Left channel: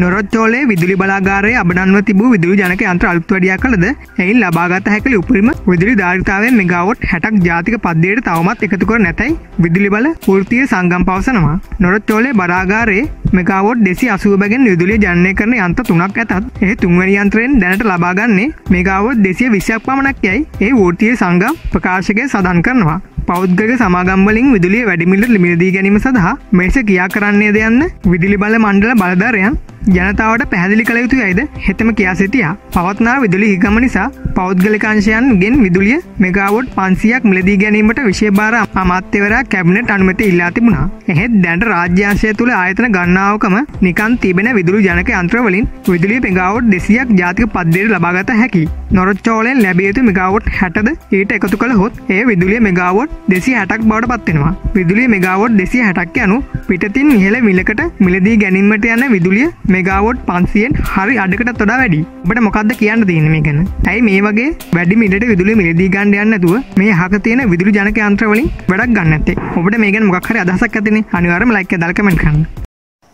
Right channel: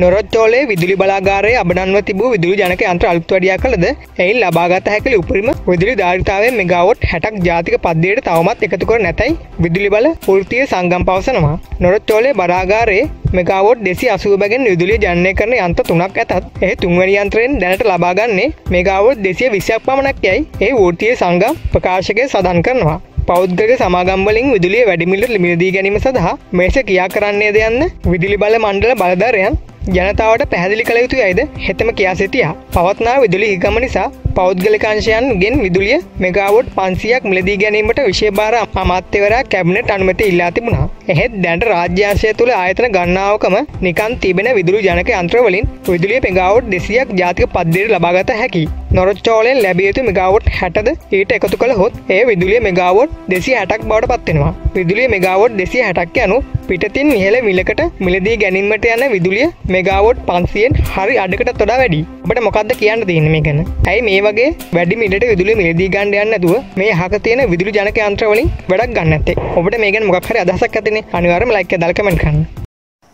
නොරොච්චෝලේ විදුලි බලාගාරයේ අබනන්ව තිබූ විදුලි ජනක යන්ත්‍ර අලුත් වැඩියා කළද එයින් ලබාගත හැකි උපරිම විදුලි ධාරිතාවයෙන් මෙගාවොට් 60ක් ජාතික පද්ධතියට තවමත් එකතු කර නැතයි විදුලි බල වෘත්තීය සංගම් පවසනවා. නොරොච්චෝලේ බලාගාරයේ මෙගාවොට් 280 බැගින් විදුලිය ජනනය කරන යන්ත්‍ර 3ක් ඇතත් එහි තුන්වැනි යන්ත්‍රයෙන් දැනට ලබාගන්නේ මෙගාවොට් 220ක් පමණක් යයි ඒ වෘත්තීය සංගම් ප්‍රකාශකය සඳහන් කරනවා. පෞද්ගලික සමාගම් වලින් විදුලිය වැඩිමිලට මිලදී ගැනීම සඳහා මේස කියා කරන්නේද යන්න විදුලි බල මණ්ඩල බලධාරීන් ජනතාවට පැහැදිලි කළ යුතු යයිද හෙතෙම කියා සිටියා. පවත්නා විදුලි හිගම නිසා පෞද්ගලික අංශයන්ගෙන් විදුලිය මෙගාවොට් 500ක් මිලදී ගැනීමට විශේෂ භාර අමාත්‍යවරයා කැබිනට් අනුමැතිය ඉල්ලා තිබුණා. එහෙත් දැනට රාජ්‍ය අංශය තුළ ආයතන ගණනාවකම නිකන් තිබෙන විදුලි ජනක යන්ත්‍ර වලින් විදුලිය මෙගාවොට් 200ක් ජාතික පද්ධතියට ලබාගත හැකියි. නොරොච්චෝලෙන් ලැබිය යුතු මෙගාවොට් 60ද ඊට එකතු කළහොත් එය විදුලිය මෙගාවොට් 260ක් බවට පත් වෙනවා. විදුලිය මෙගාවොට් 260ක් යනු පිටතින් ඉහළ මිලකට මිලදී ගැනීමට යන විදුලිය මෙගාවොට් 500න් හරි අඩකටත් වඩා වැඩි. ඔබට මොකක්ද කියන්න තියෙන්නේ මේ ගැන? ඇයි මේ වගේ වැඩි මිලට විදුලිය මිලදී ගන්න යන්නේ නැතුව මේ අහක තියෙන විදුලි ජනක යන්ත්‍ර වලින් වැඩක් ගන්න නැත්තේ? ඔබට මේ ගැන මොකක් හරි අදහසක් ඇතිනේ. අනිවාර්යයෙන්ම ලයික් එක දාලා කමෙන්ට් කරන්න.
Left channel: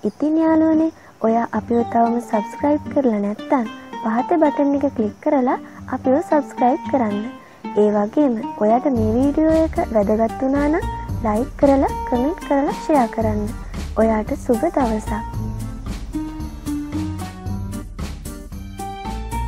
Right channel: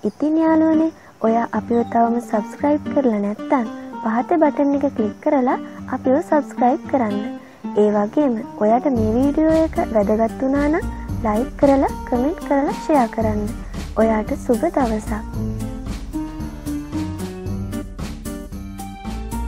ඉතින් යාළුවනේ ඔයා අපිව තවම සබ්ස්ක්‍රයිබ් කරලා නැත්නම් පහත බටන් එක ක්ලික් කරලා අපිව සබ්ස්ක්‍රයිබ් කරන්න. ඒ වගේම ඔයාට මේ වීඩියෝ එක වැදගත් වුණා නම් ලයික් කරලා කමෙන්ට් කරලා ෂෙයා කරන්න. ඔයාට සුබ දවසක්.